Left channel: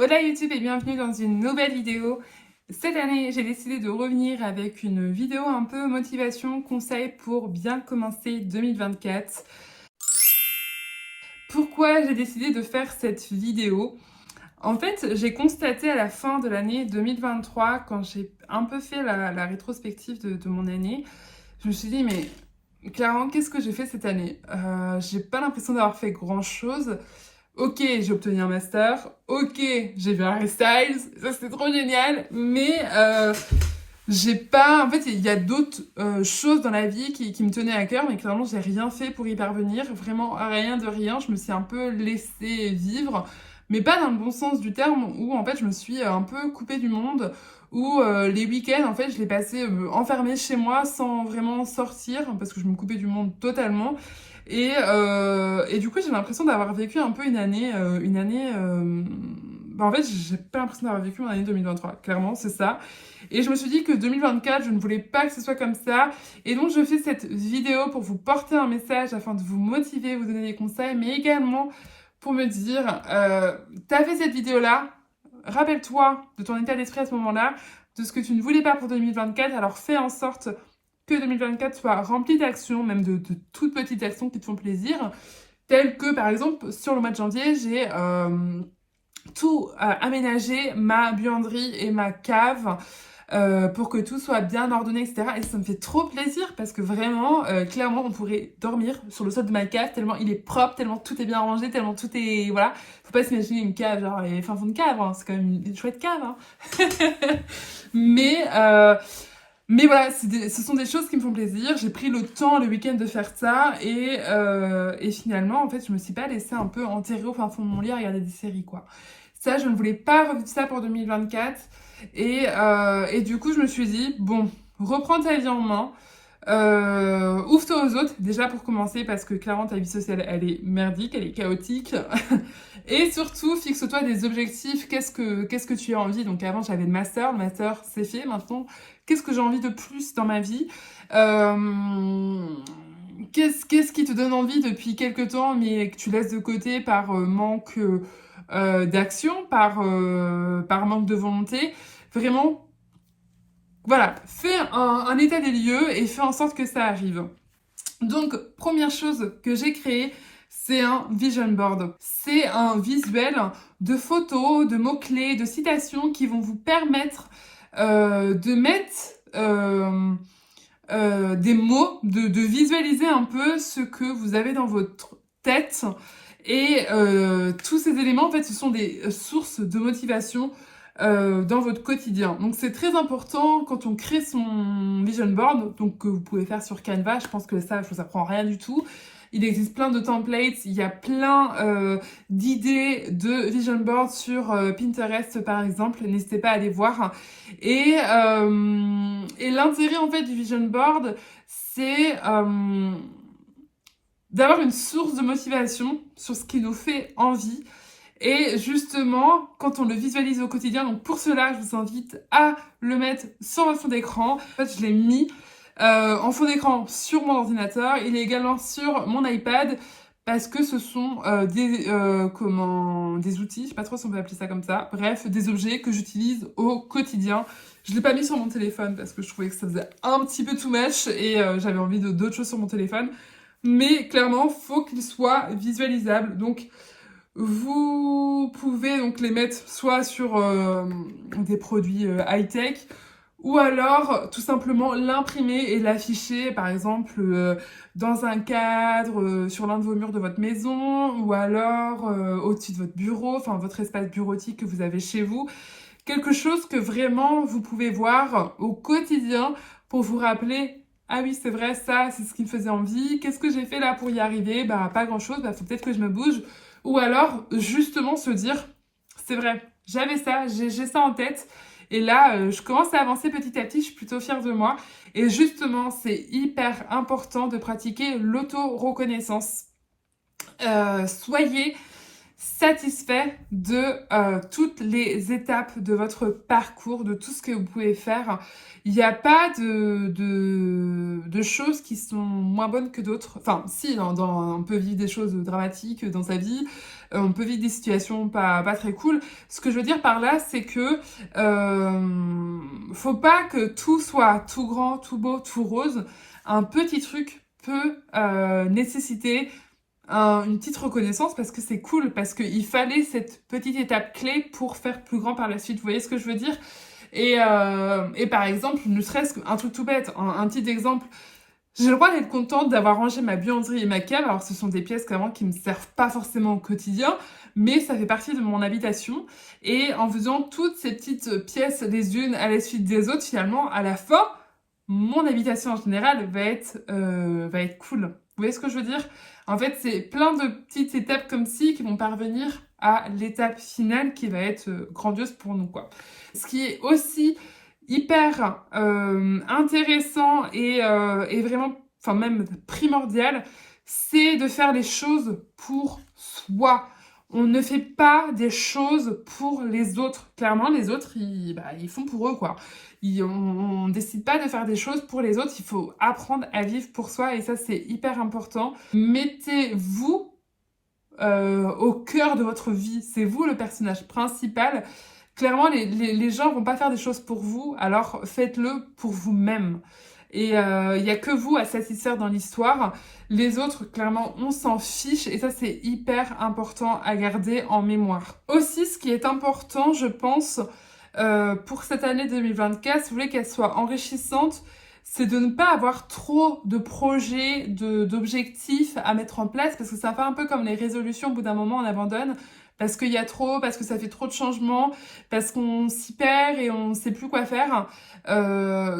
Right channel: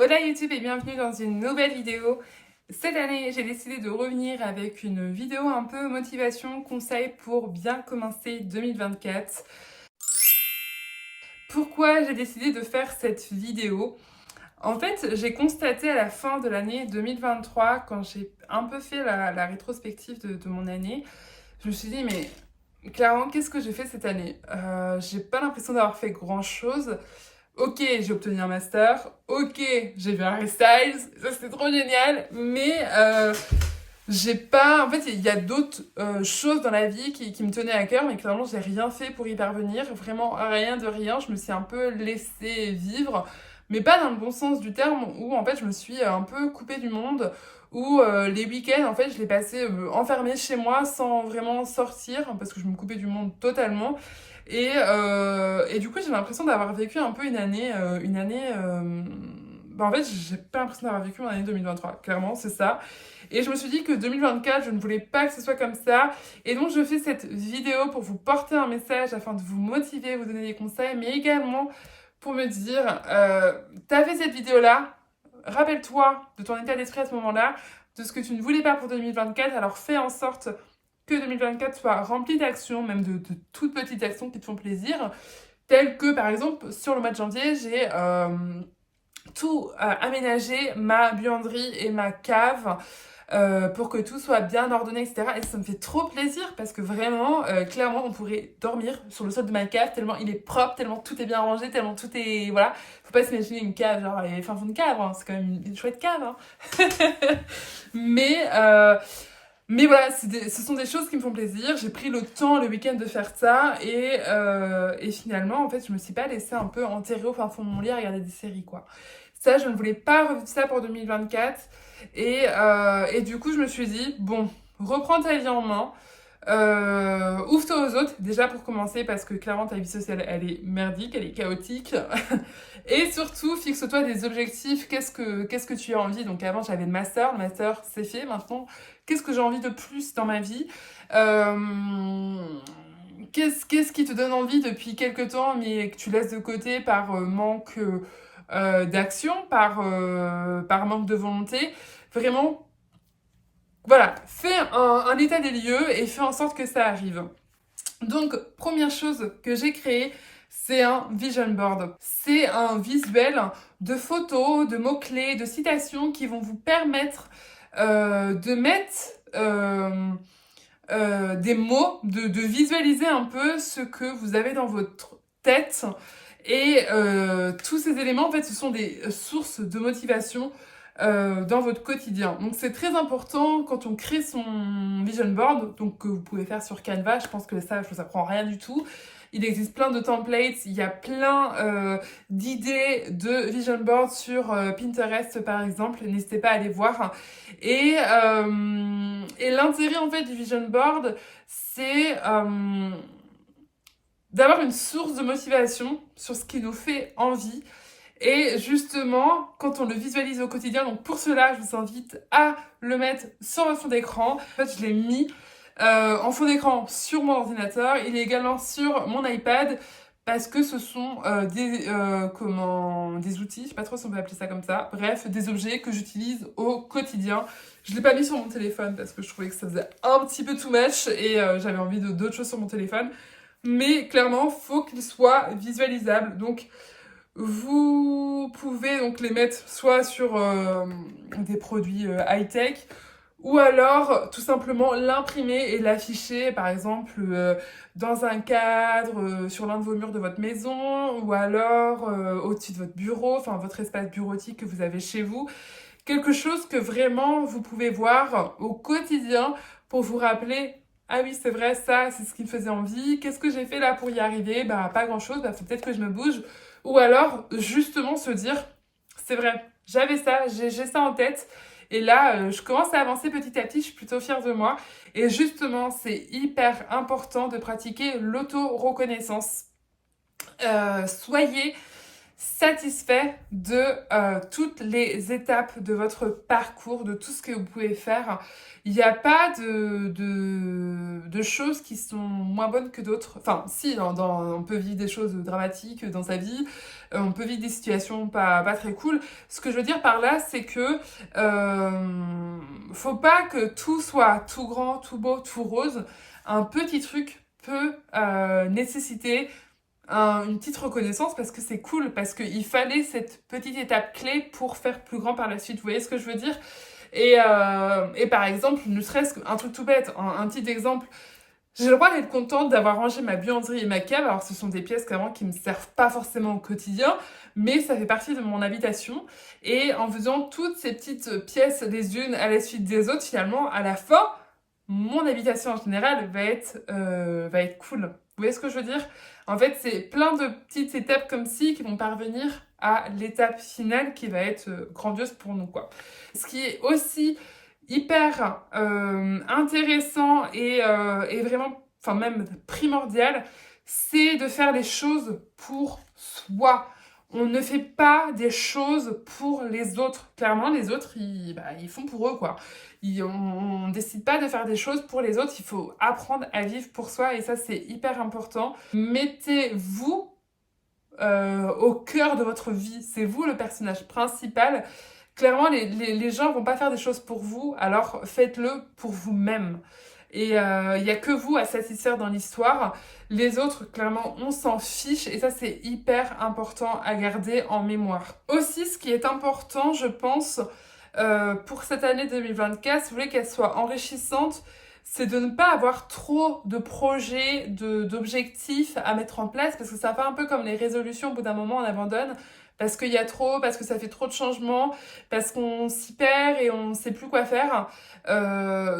Hola YouTube et bienvenue dans une nouvelle vidéo. Cette année, j'ai décidé de revenir avec une vidéo un peu motivation, conseil pour bien commencer 2024. Pourquoi j'ai décidé de faire cette vidéo? En fait, j'ai constaté à la fin de l'année 2023, quand j'ai un peu fait la rétrospective de mon année, je me suis dit, mais clairement, qu'est-ce que j'ai fait cette année? J'ai pas l'impression d'avoir fait grand-chose. Ok, j'ai obtenu un master. Ok, j'ai vu un Harry Styles. Ça, c'était trop génial. Mais j'ai pas... En fait, il y a d'autres choses dans la vie qui me tenaient à cœur, mais clairement, j'ai rien fait pour y parvenir. Vraiment, rien de rien. Je me suis un peu laissée vivre, mais pas dans le bon sens du terme, où en fait, je me suis un peu coupée du monde, où les week-ends, en fait, je les passais enfermée chez moi sans vraiment sortir, parce que je me coupais du monde totalement. Et du coup, j'ai l'impression d'avoir vécu un peu en fait, j'ai pas l'impression d'avoir vécu mon année 2023. Clairement, c'est ça. Et je me suis dit que 2024, je ne voulais pas que ce soit comme ça. Et donc, je fais cette vidéo pour vous porter un message afin de vous motiver, vous donner des conseils, mais également pour me dire, t'as fait cette vidéo-là, rappelle-toi de ton état d'esprit à ce moment-là, de ce que tu ne voulais pas pour 2024, alors fais en sorte que 2024 soit rempli d'actions, même de toutes petites actions qui te font plaisir, telles que par exemple sur le mois de janvier, j'ai tout aménagé, ma buanderie et ma cave, pour que tout soit bien ordonné, etc. Et ça me fait trop plaisir parce que vraiment, clairement, on pourrait dormir sur le sol de ma cave tellement il est propre, tellement tout est bien rangé, tellement tout est... Voilà. Faut pas s'imaginer une cave, genre, fin fond de cave, hein. C'est quand même une chouette cave, hein. mais, euh, mais voilà, ce sont des choses qui me font plaisir. J'ai pris le temps le week-end de faire ça et finalement, en fait, je me suis pas laissée un peu enterrer au fin fond de mon lit à regarder des séries, quoi. Ça, je ne voulais pas revivre ça pour 2024. Et du coup, je me suis dit, bon, reprends ta vie en main. Ouvre-toi aux autres, déjà pour commencer, parce que clairement, ta vie sociale, elle est merdique, elle est chaotique. Et surtout, fixe-toi des objectifs. Qu'est-ce que tu as envie? Donc avant, j'avais le master, c'est fait. Maintenant, qu'est-ce que j'ai envie de plus dans ma vie? Qu'est-ce qui te donne envie depuis quelques temps, mais que tu laisses de côté par manque d'action, par manque de volonté? Vraiment, voilà, fais un état des lieux et fais en sorte que ça arrive. Donc, première chose que j'ai créée, c'est un vision board. C'est un visuel de photos, de mots-clés, de citations qui vont vous permettre de mettre des mots, de visualiser un peu ce que vous avez dans votre tête. Et tous ces éléments, en fait, ce sont des sources de motivation dans votre quotidien. Donc c'est très important quand on crée son vision board, donc que vous pouvez faire sur Canva. Je pense que ça, je vous apprends rien du tout. Il existe plein de templates, il y a plein d'idées de vision board sur Pinterest par exemple. N'hésitez pas à aller voir. Et l'intérêt en fait du vision board, c'est d'avoir une source de motivation sur ce qui nous fait envie. Et justement, quand on le visualise au quotidien, donc pour cela, je vous invite à le mettre sur votre fond d'écran. En fait, je l'ai mis en fond d'écran sur mon ordinateur. Il est également sur mon iPad parce que ce sont des outils, je sais pas trop si on peut appeler ça comme ça, bref, des objets que j'utilise au quotidien. Je l'ai pas mis sur mon téléphone parce que je trouvais que ça faisait un petit peu too much et j'avais envie d'autres choses sur mon téléphone. Mais clairement, faut qu'il soit visualisable. Donc, vous pouvez donc les mettre soit sur des produits high-tech ou alors tout simplement l'imprimer et l'afficher par exemple dans un cadre sur l'un de vos murs de votre maison ou alors au-dessus de votre bureau, enfin votre espace bureautique que vous avez chez vous. Quelque chose que vraiment vous pouvez voir au quotidien pour vous rappeler ah oui, c'est vrai, ça, c'est ce qui me faisait envie. Qu'est-ce que j'ai fait là pour y arriver? Bah, pas grand-chose, bah, faut peut-être que je me bouge. Ou alors, justement, se dire, c'est vrai, j'avais ça, j'ai ça en tête. Et là, je commence à avancer petit à petit, je suis plutôt fière de moi. Et justement, c'est hyper important de pratiquer l'auto-reconnaissance. Soyez satisfait de toutes les étapes de votre parcours, de tout ce que vous pouvez faire. Il n'y a pas de choses qui sont moins bonnes que d'autres. Enfin, si, on peut vivre des choses dramatiques dans sa vie, on peut vivre des situations pas très cool. Ce que je veux dire par là, c'est que faut pas que tout soit tout grand, tout beau, tout rose. Un petit truc peut nécessiter une petite reconnaissance parce que c'est cool, parce qu'il fallait cette petite étape clé pour faire plus grand par la suite. Vous voyez ce que je veux dire? Et par exemple, ne serait-ce qu'un truc tout bête, un petit exemple, j'ai le droit d'être contente d'avoir rangé ma buanderie et ma cave. Alors ce sont des pièces clairement qui ne me servent pas forcément au quotidien, mais ça fait partie de mon habitation. Et en faisant toutes ces petites pièces les unes à la suite des autres, finalement, à la fin, mon habitation en général va être cool. Vous voyez ce que je veux dire? En fait, c'est plein de petites étapes comme ci qui vont parvenir à l'étape finale qui va être grandiose pour nous, quoi. Ce qui est aussi hyper intéressant et vraiment, enfin même primordial, c'est de faire les choses pour soi. On ne fait pas des choses pour les autres. Clairement, les autres, ils font pour eux, quoi. On ne décide pas de faire des choses pour les autres, il faut apprendre à vivre pour soi et ça c'est hyper important. Mettez-vous au cœur de votre vie, c'est vous le personnage principal. Clairement, les gens vont pas faire des choses pour vous, alors faites-le pour vous-même. Et il n'y a que vous à satisfaire dans l'histoire. Les autres, clairement, on s'en fiche et ça c'est hyper important à garder en mémoire. Aussi, ce qui est important, je pense, pour cette année 2024, si vous voulez qu'elle soit enrichissante, c'est de ne pas avoir trop de projets, d'objectifs à mettre en place, parce que ça fait un peu comme les résolutions, au bout d'un moment on abandonne, parce qu'il y a trop, parce que ça fait trop de changements, parce qu'on s'y perd et on ne sait plus quoi faire.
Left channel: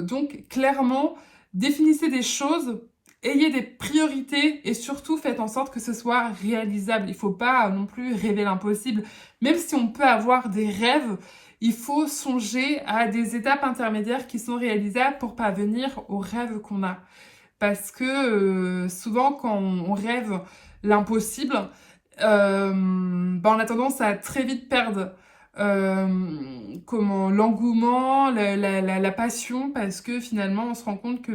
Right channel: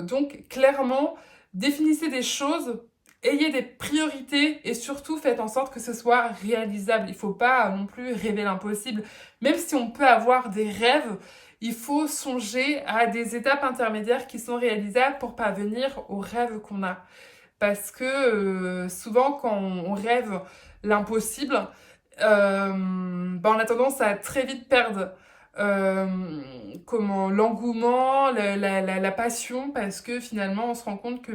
Donc clairement, définissez des choses, ayez des priorités et surtout faites en sorte que ce soit réalisable. Il ne faut pas non plus rêver l'impossible. Même si on peut avoir des rêves, il faut songer à des étapes intermédiaires qui sont réalisables pour parvenir aux rêves qu'on a. Parce que souvent, quand on rêve l'impossible, on a tendance à très vite perdre l'engouement, la passion, parce que finalement, on se rend compte que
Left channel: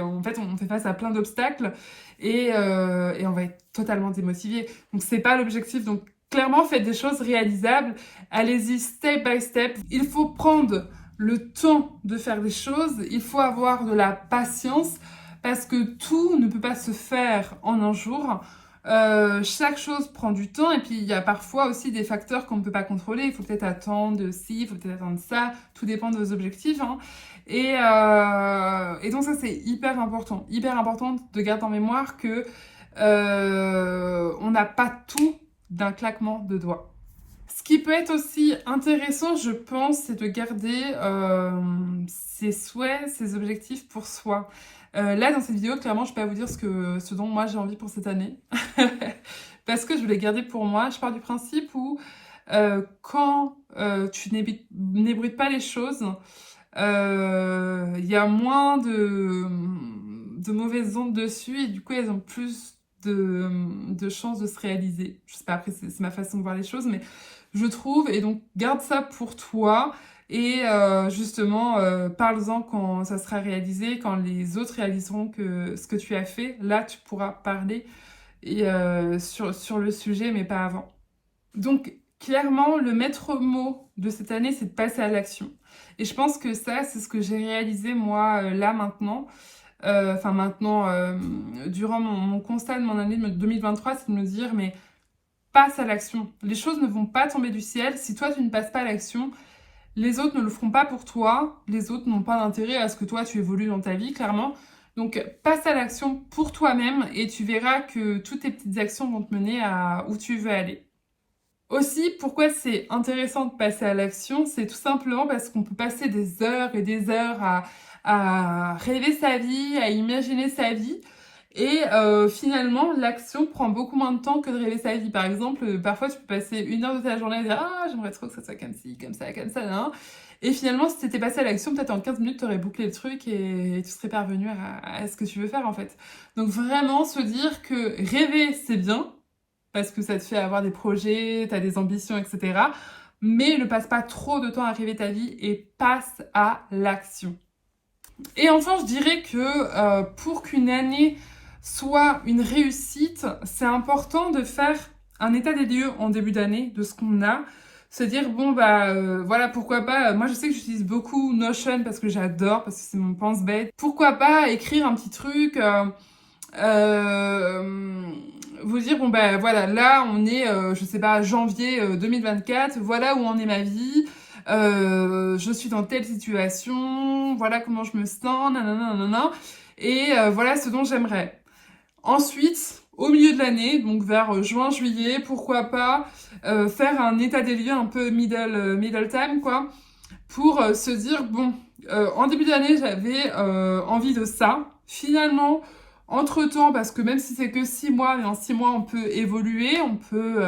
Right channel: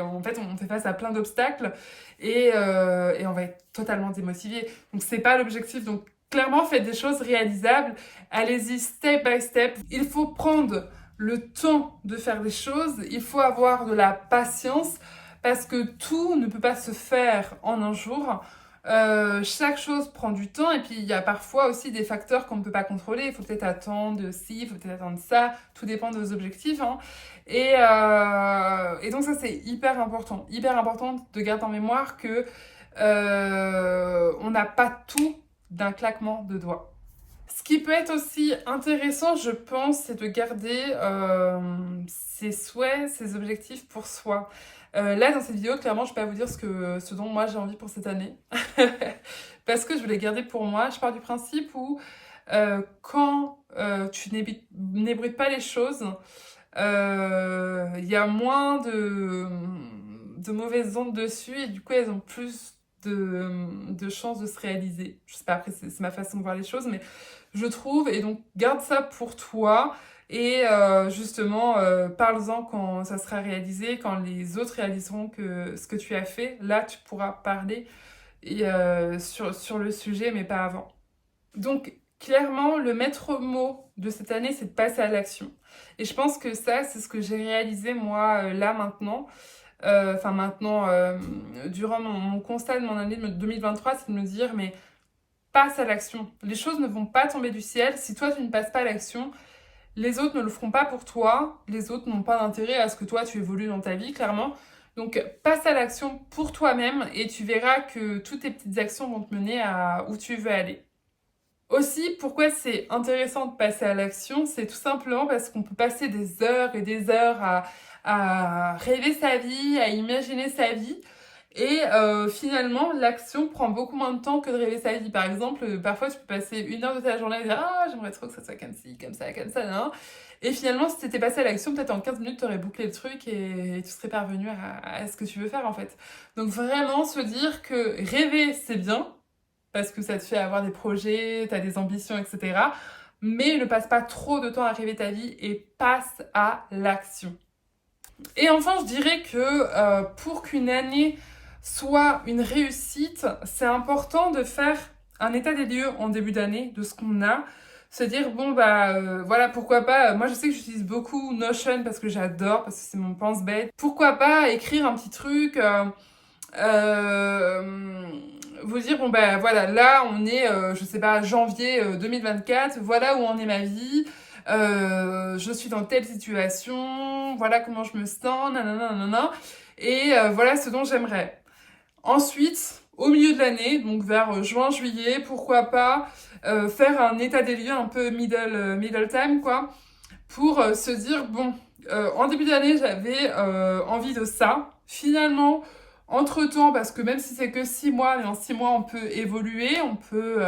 en fait, on fait face à plein d'obstacles et on va être totalement démotivé. Donc, c'est pas l'objectif. Donc, clairement, faites des choses réalisables. Allez-y step by step. Il faut prendre le temps de faire des choses. Il faut avoir de la patience parce que tout ne peut pas se faire en un jour. Chaque chose prend du temps et puis il y a parfois aussi des facteurs qu'on ne peut pas contrôler. Il faut peut-être attendre ci, il faut peut-être attendre ça. Tout dépend de vos objectifs, hein. Et donc ça, c'est hyper important. Hyper important de garder en mémoire que on n'a pas tout d'un claquement de doigts. Ce qui peut être aussi intéressant, je pense, c'est de garder ses souhaits, ses objectifs pour soi. Là, dans cette vidéo, clairement, je ne vais pas vous dire ce dont moi j'ai envie pour cette année. Parce que je veux les garder pour moi. Je pars du principe où quand tu n'ébruites pas les choses, il y a moins de mauvaises ondes dessus et du coup, elles ont plus de chances de se réaliser. Je sais pas, après c'est ma façon de voir les choses, mais je trouve, et donc garde ça pour toi et justement parle-en quand ça sera réalisé, quand les autres réaliseront que ce que tu as fait, là tu pourras parler et, sur le sujet mais pas avant. Donc clairement le maître mot de cette année c'est de passer à l'action et je pense que ça c'est ce que j'ai réalisé moi là maintenant. Durant mon constat de mon année 2023, c'est de me dire, mais passe à l'action. Les choses ne vont pas tomber du ciel. Si toi, tu ne passes pas à l'action, les autres ne le feront pas pour toi. Les autres n'ont pas d'intérêt à ce que toi, tu évolues dans ta vie, clairement. Donc, passe à l'action pour toi-même et tu verras que toutes tes petites actions vont te mener à où tu veux aller. Aussi, pourquoi c'est intéressant de passer à l'action, c'est tout simplement parce qu'on peut passer des heures et des heures à rêver sa vie, à imaginer sa vie. Et finalement, l'action prend beaucoup moins de temps que de rêver sa vie. Par exemple, parfois, tu peux passer 1 heure de ta journée à dire « Ah, j'aimerais trop que ça soit comme ci, comme ça, nan. » Et finalement, si tu étais passé à l'action, peut-être en 15 minutes, tu aurais bouclé le truc et tu serais parvenu à ce que tu veux faire, en fait. Donc vraiment, se dire que rêver, c'est bien, parce que ça te fait avoir des projets, tu as des ambitions, etc. Mais ne passe pas trop de temps à rêver ta vie et passe à l'action. Et enfin, je dirais que pour qu'une année soit une réussite, c'est important de faire un état des lieux en début d'année de ce qu'on a. Se dire, bon, voilà, pourquoi pas. Moi, je sais que j'utilise beaucoup Notion parce que j'adore, parce que c'est mon pense-bête. Pourquoi pas écrire un petit truc, vous dire, bon, voilà, là, on est, je sais pas, janvier 2024, voilà où en est ma vie. Je suis dans telle situation, voilà comment je me sens, nanana, nanana, et voilà ce dont j'aimerais. Ensuite, au milieu de l'année, donc vers juin-juillet, pourquoi pas faire un état des lieux un peu middle time, quoi, pour se dire, bon, en début d'année, j'avais envie de ça. Finalement, entre-temps, parce que même si c'est que 6 mois, mais en 6 mois, on peut évoluer, on peut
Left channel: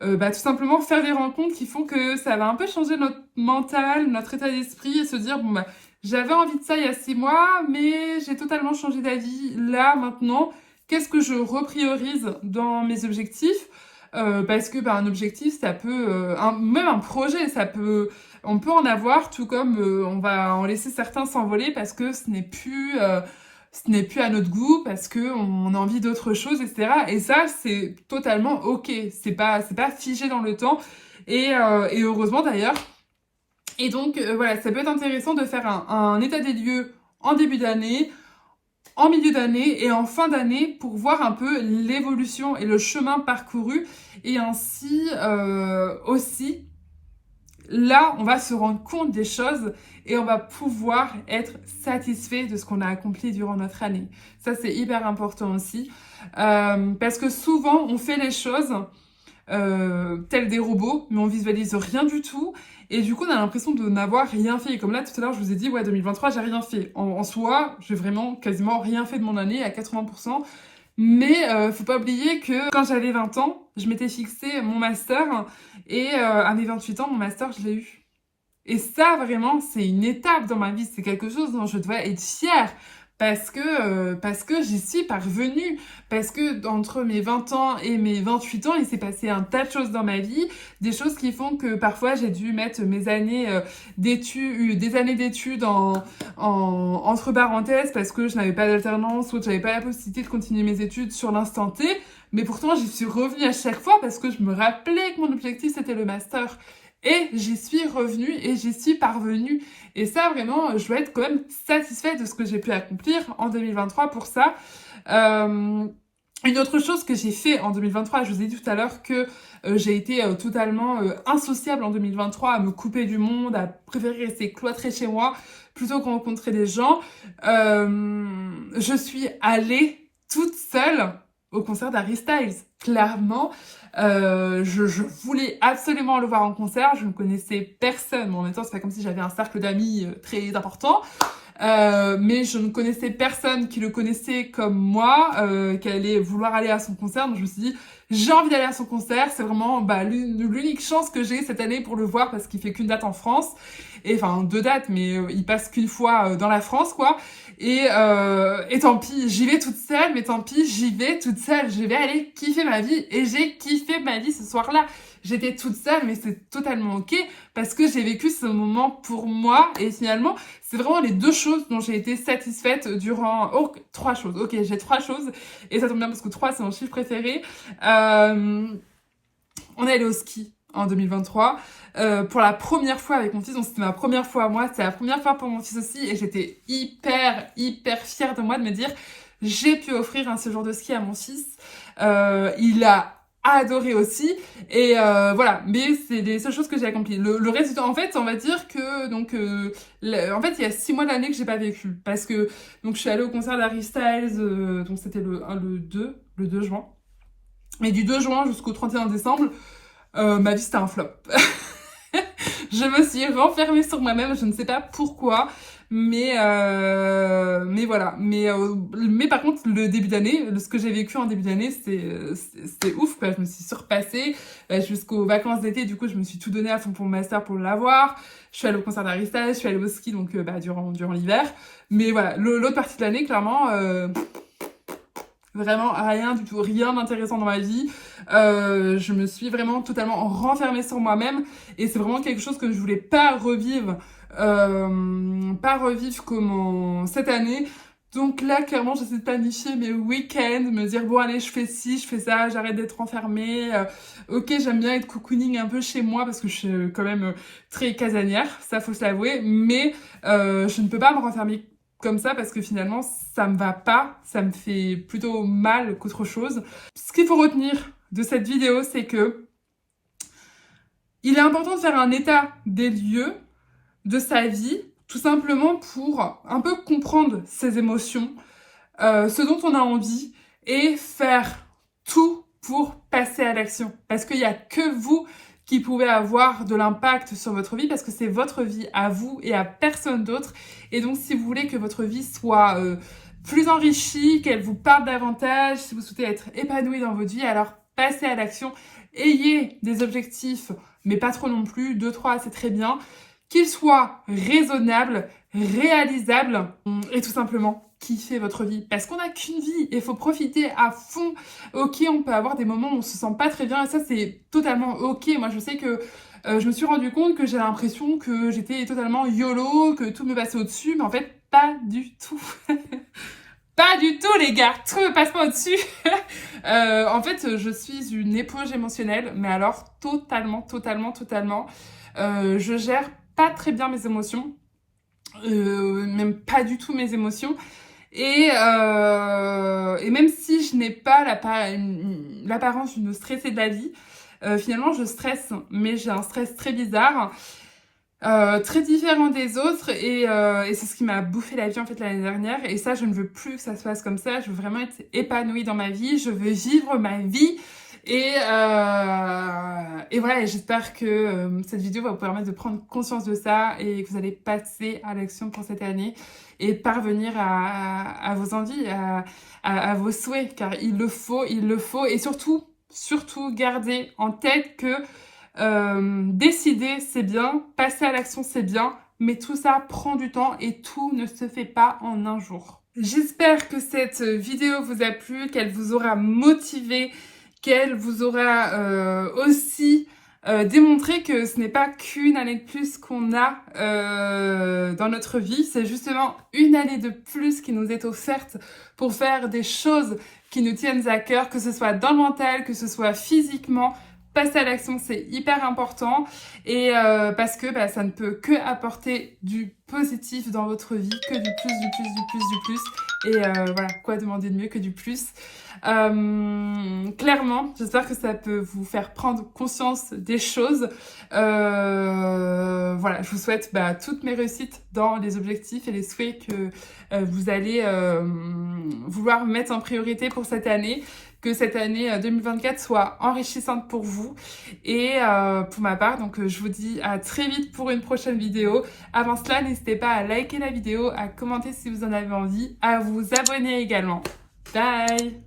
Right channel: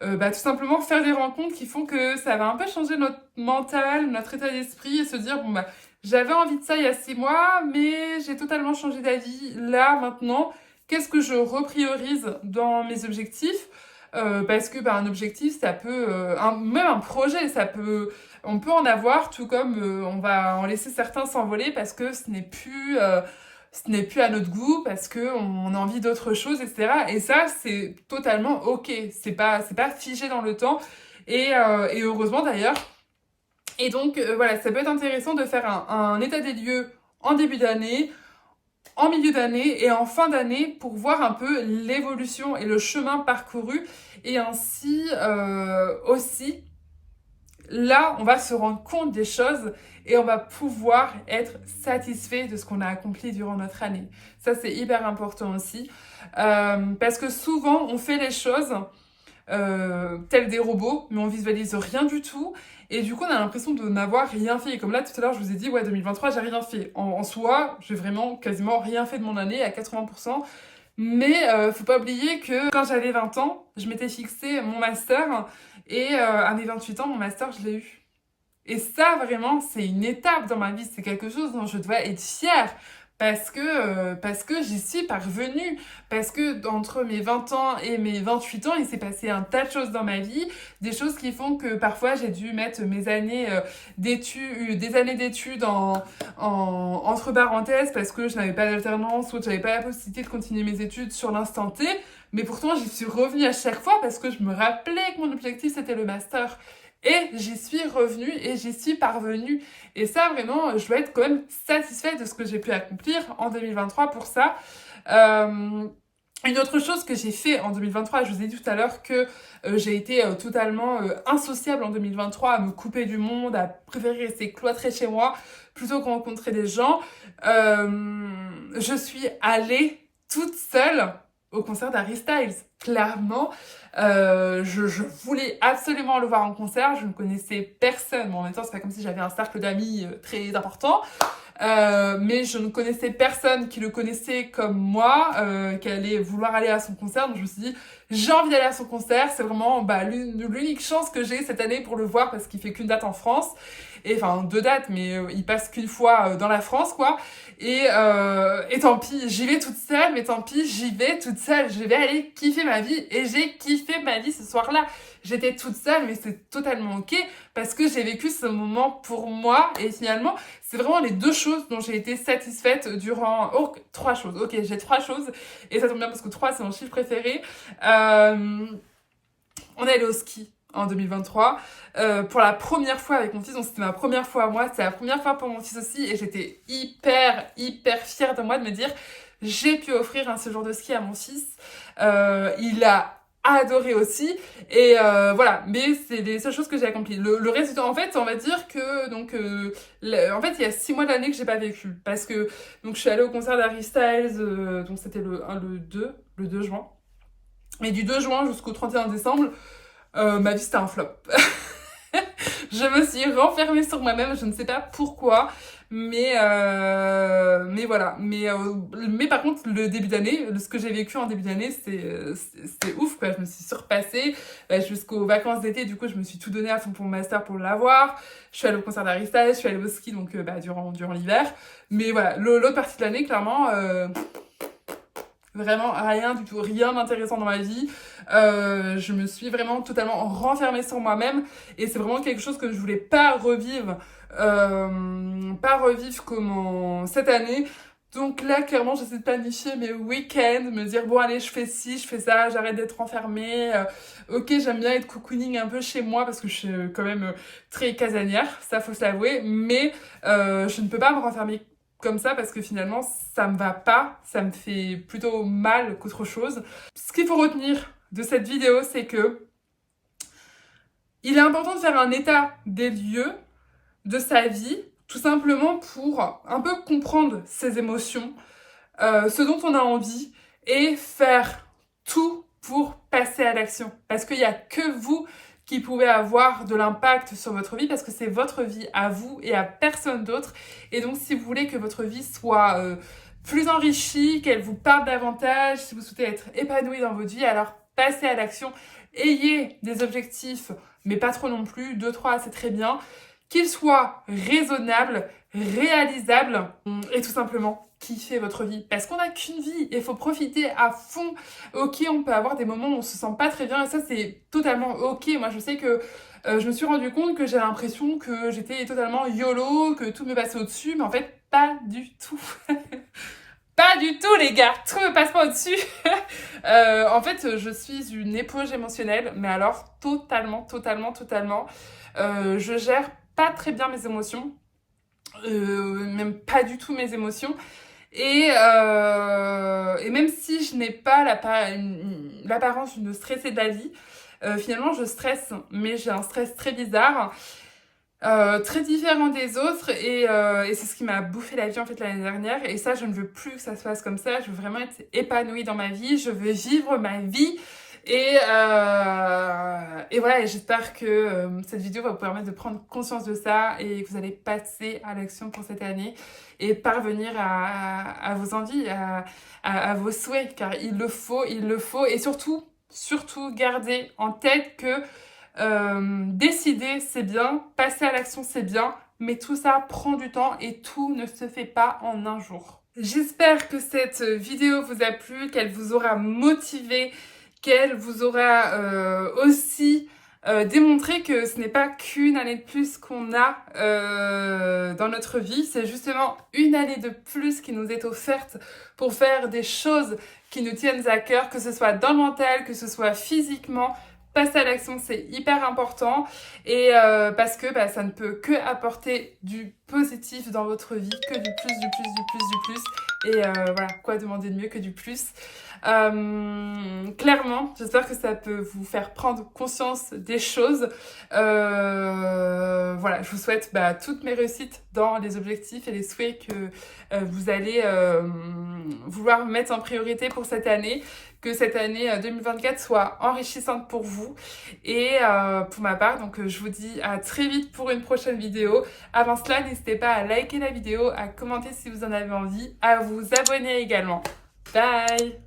tout simplement faire des rencontres qui font que ça va un peu changer notre mental, notre état d'esprit, et se dire, bon, j'avais envie de ça il y a 6 mois, mais j'ai totalement changé d'avis là, maintenant. Qu'est-ce que je repriorise dans mes objectifs? Parce que un objectif, ça peut, même un projet, on peut en avoir, tout comme on va en laisser certains s'envoler parce que ce n'est plus à notre goût, parce que on a envie d'autre chose, etc. Et ça, c'est totalement ok. C'est pas figé dans le temps. Et heureusement d'ailleurs. Et donc voilà, ça peut être intéressant de faire un état des lieux en début d'année, en milieu d'année et en fin d'année pour voir un peu l'évolution et le chemin parcouru. Et ainsi aussi, là, on va se rendre compte des choses et on va pouvoir être satisfait de ce qu'on a accompli durant notre année. Ça, c'est hyper important aussi. Parce que souvent, on fait les choses tels des robots, mais on visualise rien du tout. Et du coup, on a l'impression de n'avoir rien fait. Et comme là, tout à l'heure, je vous ai dit, ouais, 2023, j'ai rien fait. En soi, j'ai vraiment quasiment rien fait de mon année à 80%. Mais faut pas oublier que quand j'avais 20 ans, je m'étais fixé mon master. Et à mes 28 ans, mon master, je l'ai eu. Et ça, vraiment, c'est une étape dans ma vie. C'est quelque chose dont je dois être fière. Parce que j'y suis parvenue. Parce que entre mes 20 ans et mes 28 ans, il s'est passé un tas de choses dans ma vie. Des choses qui font que parfois j'ai dû mettre mes années d'études, des années d'études entre parenthèses parce que je n'avais pas d'alternance ou que j'avais pas la possibilité de continuer mes études sur l'instant T. Mais pourtant, j'y suis revenue à chaque fois parce que je me rappelais que mon objectif, c'était le master. Et j'y suis revenue et j'y suis parvenue. Et ça, vraiment, je dois être quand même satisfaite de ce que j'ai pu accomplir en 2023 pour ça. Une autre chose que j'ai fait en 2023, je vous ai dit tout à l'heure que j'ai été totalement insociable en 2023, à me couper du monde, à préférer rester cloîtrée chez moi plutôt que rencontrer des gens. Je suis allée toute seule au concert d'Harry Styles, clairement. Je voulais absolument le voir en concert, je ne connaissais personne. Bon, en même temps, c'est pas comme si j'avais un cercle d'amis très important. Mais je ne connaissais personne qui le connaissait comme moi, qui allait vouloir aller à son concert. Donc je me suis dit, j'ai envie d'aller à son concert. C'est vraiment l'unique chance que j'ai cette année pour le voir parce qu'il fait qu'une date en France. Et enfin, 2 dates, mais il passe qu'une fois dans la France, quoi. Et tant pis, j'y vais toute seule, mais tant pis, j'y vais toute seule. Je vais aller kiffer ma vie. Et j'ai kiffé ma vie ce soir-là. J'étais toute seule, mais c'est totalement ok parce que j'ai vécu ce moment pour moi. Et finalement, c'est vraiment les 2 choses dont j'ai été satisfaite durant... Oh, 3 choses. Ok, j'ai 3 choses. Et ça tombe bien parce que 3, c'est mon chiffre préféré. On est allé au ski en 2023. Pour la première fois avec mon fils, donc c'était ma première fois à moi, c'était la première fois pour mon fils aussi, et j'étais hyper fière de moi de me dire j'ai pu offrir un séjour de ski à mon fils. Il a adoré aussi, et voilà, mais c'est les seules choses que j'ai accomplies. Le résultat, en fait, on va dire que donc en fait il y a 6 mois d'année que j'ai pas vécu parce que donc je suis allée au concert d'Harry Styles, donc c'était le 2 juin, et du 2 juin jusqu'au 31 décembre ma vie c'était un flop. Je me suis renfermée sur moi-même, je ne sais pas pourquoi, mais voilà. Mais par contre, le début d'année, ce que j'ai vécu en début d'année, c'était ouf, quoi. Je me suis surpassée jusqu'aux vacances d'été. Du coup, je me suis tout donné à fond pour mon master pour l'avoir. Je suis allée au concert d'Harry Styles, je suis allée au ski donc durant l'hiver. Mais voilà, l'autre partie de l'année, clairement, vraiment rien du tout, rien d'intéressant dans ma vie. Je me suis vraiment totalement renfermée sur moi-même et c'est vraiment quelque chose que je voulais pas revivre comme cette année. Donc là, clairement, j'essaie de planifier mes week-ends, me dire, bon, allez, je fais ci, je fais ça, j'arrête d'être enfermée. Ok, j'aime bien être cocooning un peu chez moi parce que je suis quand même très casanière, ça faut se l'avouer, mais je ne peux pas me renfermer comme ça parce que finalement, ça me va pas, ça me fait plutôt mal qu'autre chose. Ce qu'il faut retenir de cette vidéo, c'est que il est important de faire un état des lieux de sa vie, tout simplement pour un peu comprendre ses émotions, ce dont on a envie et faire tout pour passer à l'action. Parce qu'il n'y a que vous qui pouvez avoir de l'impact sur votre vie parce que c'est votre vie à vous et à personne d'autre. Et donc, si vous voulez que votre vie soit plus enrichie, qu'elle vous parle davantage, si vous souhaitez être épanoui dans votre vie, alors passez à l'action. Ayez des objectifs, mais pas trop non plus. 2, 3, c'est très bien. Qu'ils soient raisonnables, réalisables et tout simplement kiffer votre vie. Parce qu'on n'a qu'une vie et il faut profiter à fond. Ok, on peut avoir des moments où on se sent pas très bien et ça c'est totalement ok. Moi je sais que je me suis rendu compte que j'ai l'impression que j'étais totalement YOLO, que tout me passait au-dessus, mais en fait pas du tout. Pas du tout les gars, tout me passe pas au-dessus. En fait je suis une éponge émotionnelle, mais alors totalement. Je gère pas très bien mes émotions, même pas du tout mes émotions. Et même si je n'ai pas l'apparence d'une stressée de la vie, finalement je stresse, mais j'ai un stress très bizarre, très différent des autres et c'est ce qui m'a bouffé la vie en fait l'année dernière et ça je ne veux plus que ça se passe comme ça, je veux vraiment être épanouie dans ma vie, je veux vivre ma vie. Et voilà, et j'espère que cette vidéo va vous permettre de prendre conscience de ça et que vous allez passer à l'action pour cette année et parvenir à vos envies, à vos souhaits, car il le faut. Et surtout gardez en tête que décider c'est bien, passer à l'action c'est bien, mais tout ça prend du temps et tout ne se fait pas en un jour. J'espère que cette vidéo vous a plu, qu'elle vous aura motivé, qu'elle vous aura aussi démontré que ce n'est pas qu'une année de plus qu'on a dans notre vie, c'est justement une année de plus qui nous est offerte pour faire des choses qui nous tiennent à cœur, que ce soit dans le mental, que ce soit physiquement. Passer à l'action, c'est hyper important et parce que ça ne peut que apporter du positif dans votre vie, que du plus. Et voilà, quoi demander de mieux que du plus. Clairement, j'espère que ça peut vous faire prendre conscience des choses. Voilà, je vous souhaite toutes mes réussites dans les objectifs et les souhaits que vous allez vouloir mettre en priorité pour cette année. Que cette année 2024 soit enrichissante pour vous et pour ma part. Donc je vous dis à très vite pour une prochaine vidéo. Avant cela, n'hésitez pas à liker la vidéo, à commenter si vous en avez envie, à vous abonner également. Bye!